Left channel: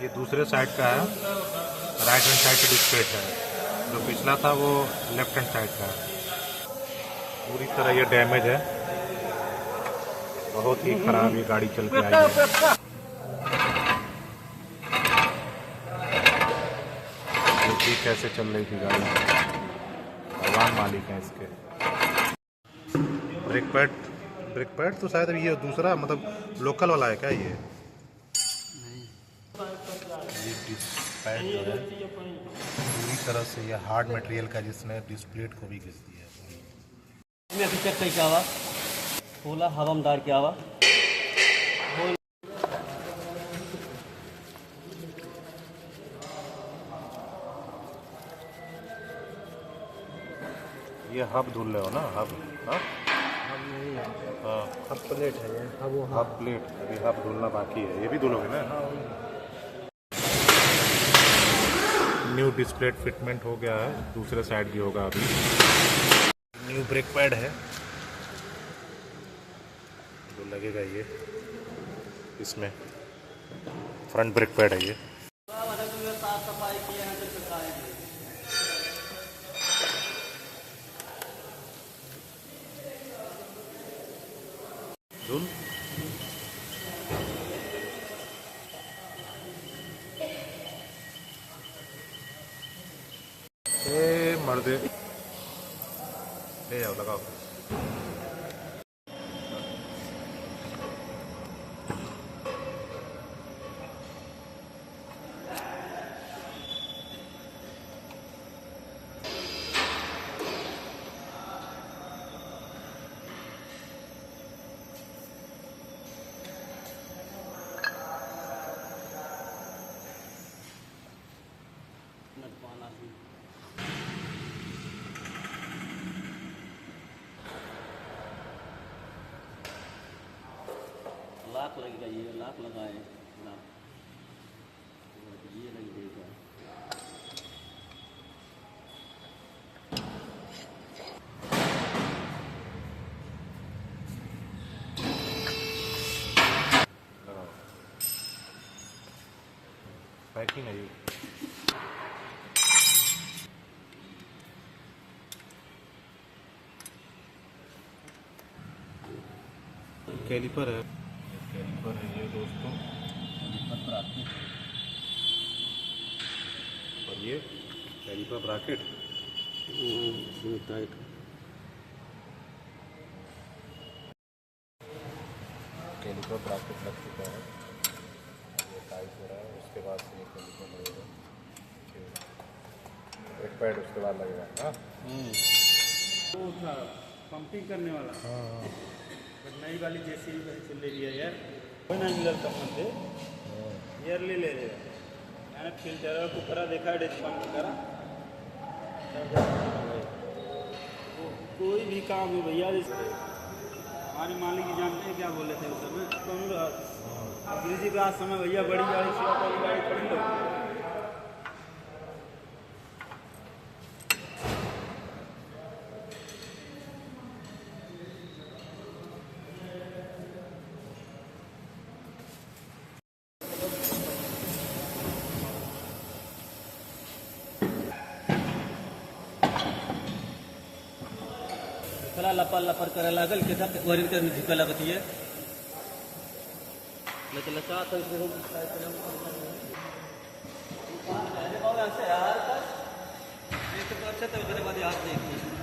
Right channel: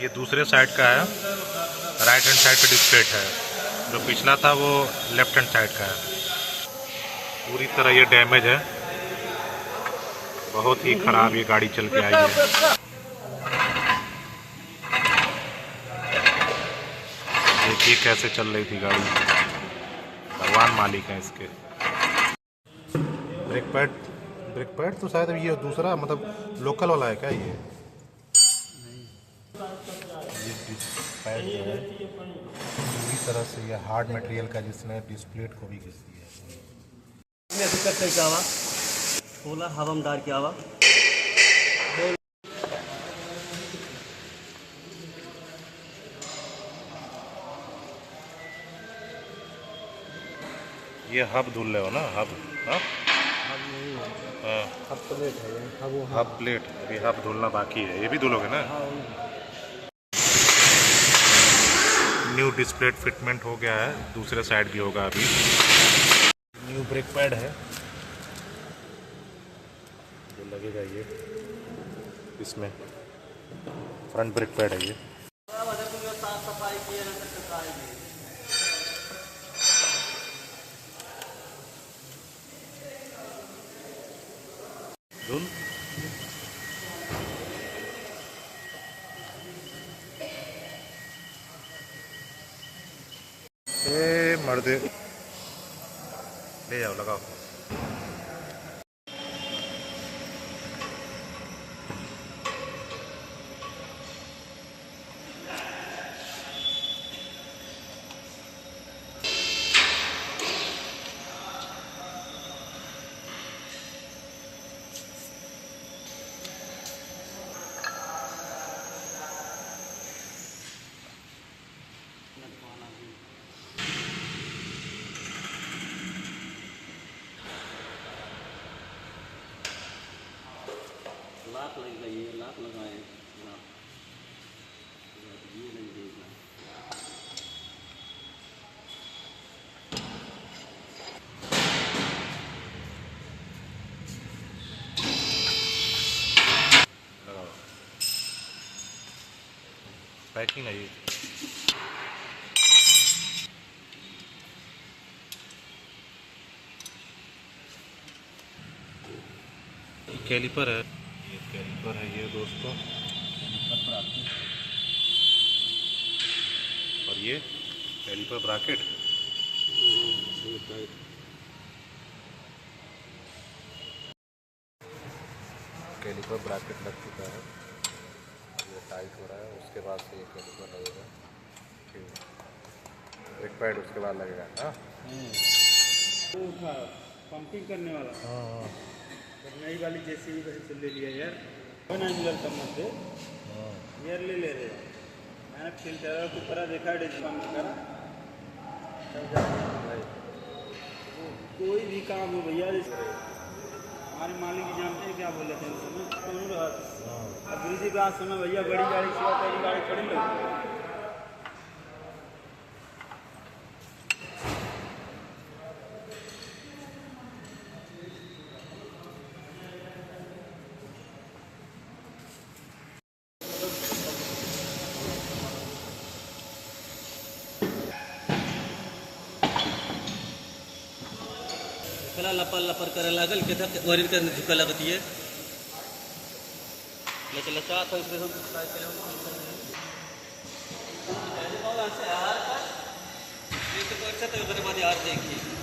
ये दूसरे साइड का है, राइट हैंड साइड पे डिस्प्लेट है। जो पिछला था वो लेफ्ट हैंड साइड का है। पूरी तरह ये डैमेज है, बहुत ही खराब ये गाड़ी चल के आई है। देखिए कैसे चल रही थी गाड़ी, भगवान मालिक है इसके। ब्रेक पैड तो शायद ये दूसरा मतलब लोकल वाला है क्या ये डिस्क पैड जो है पूरी तरह से ये हार्ड मटेरियल का, जिसने डिस्प्लेट को भी घिस दिया है। खोला हवामदार क्या हुआ? ये हब धुल रहे हो ना? हब नहीं है, हाँ, हब प्लेट है ये। हब प्लेट अभी हब धुलना बाकी है, ये भी धुलोगे ना? न्यू डिस्प्लेट फिटमेंट हो गया है, दूसरे साइड भी होगा अभी। न्यू ब्रेक पैड है जो लगेगा ये इसमें, फ्रंट ब्रेक पैड है ये। धुल ए मर्दे, ले जाओ लगाओ। लाख लगेगा, ये लाख लगाए ये नहीं देगा। पैकिंग है ये। कैलिपर है, ये कैलिपर है ये दोस्तों, और ये कैलिपर ब्रैकेट। कैलिपर ब्रैकेट लग चुका है, ये टाइट हो रहा है, उसके बाद से ये कैलिपर लगेगा। ब्रेक पैड उसके बाद लगेगा। हाँ वो था पंपिंग करने वाला। हाँ नई वाली जेसीबी वही से ले लिया यार, कोई ना मिलल कम मत दे यार, ले ले रहे मैंने फिल्टर और कुपरा देखा है पंप करा भाई। कोई भी काम हो भैया, हमारे मालिक जी जानते हैं क्या बोले थे उस समय, कौन रहा अब ब्रिजी रात समय भैया बड़ी गाड़ी से आता है, गाड़ी खड़ी लो। कला लपर लपर करे लागल के तक वरीर के झुका लगती है, लेकिन लचा तो उसके हम साइकिल हम ऐसे यार का ये तो अच्छा तो उसके बाद यार देखिए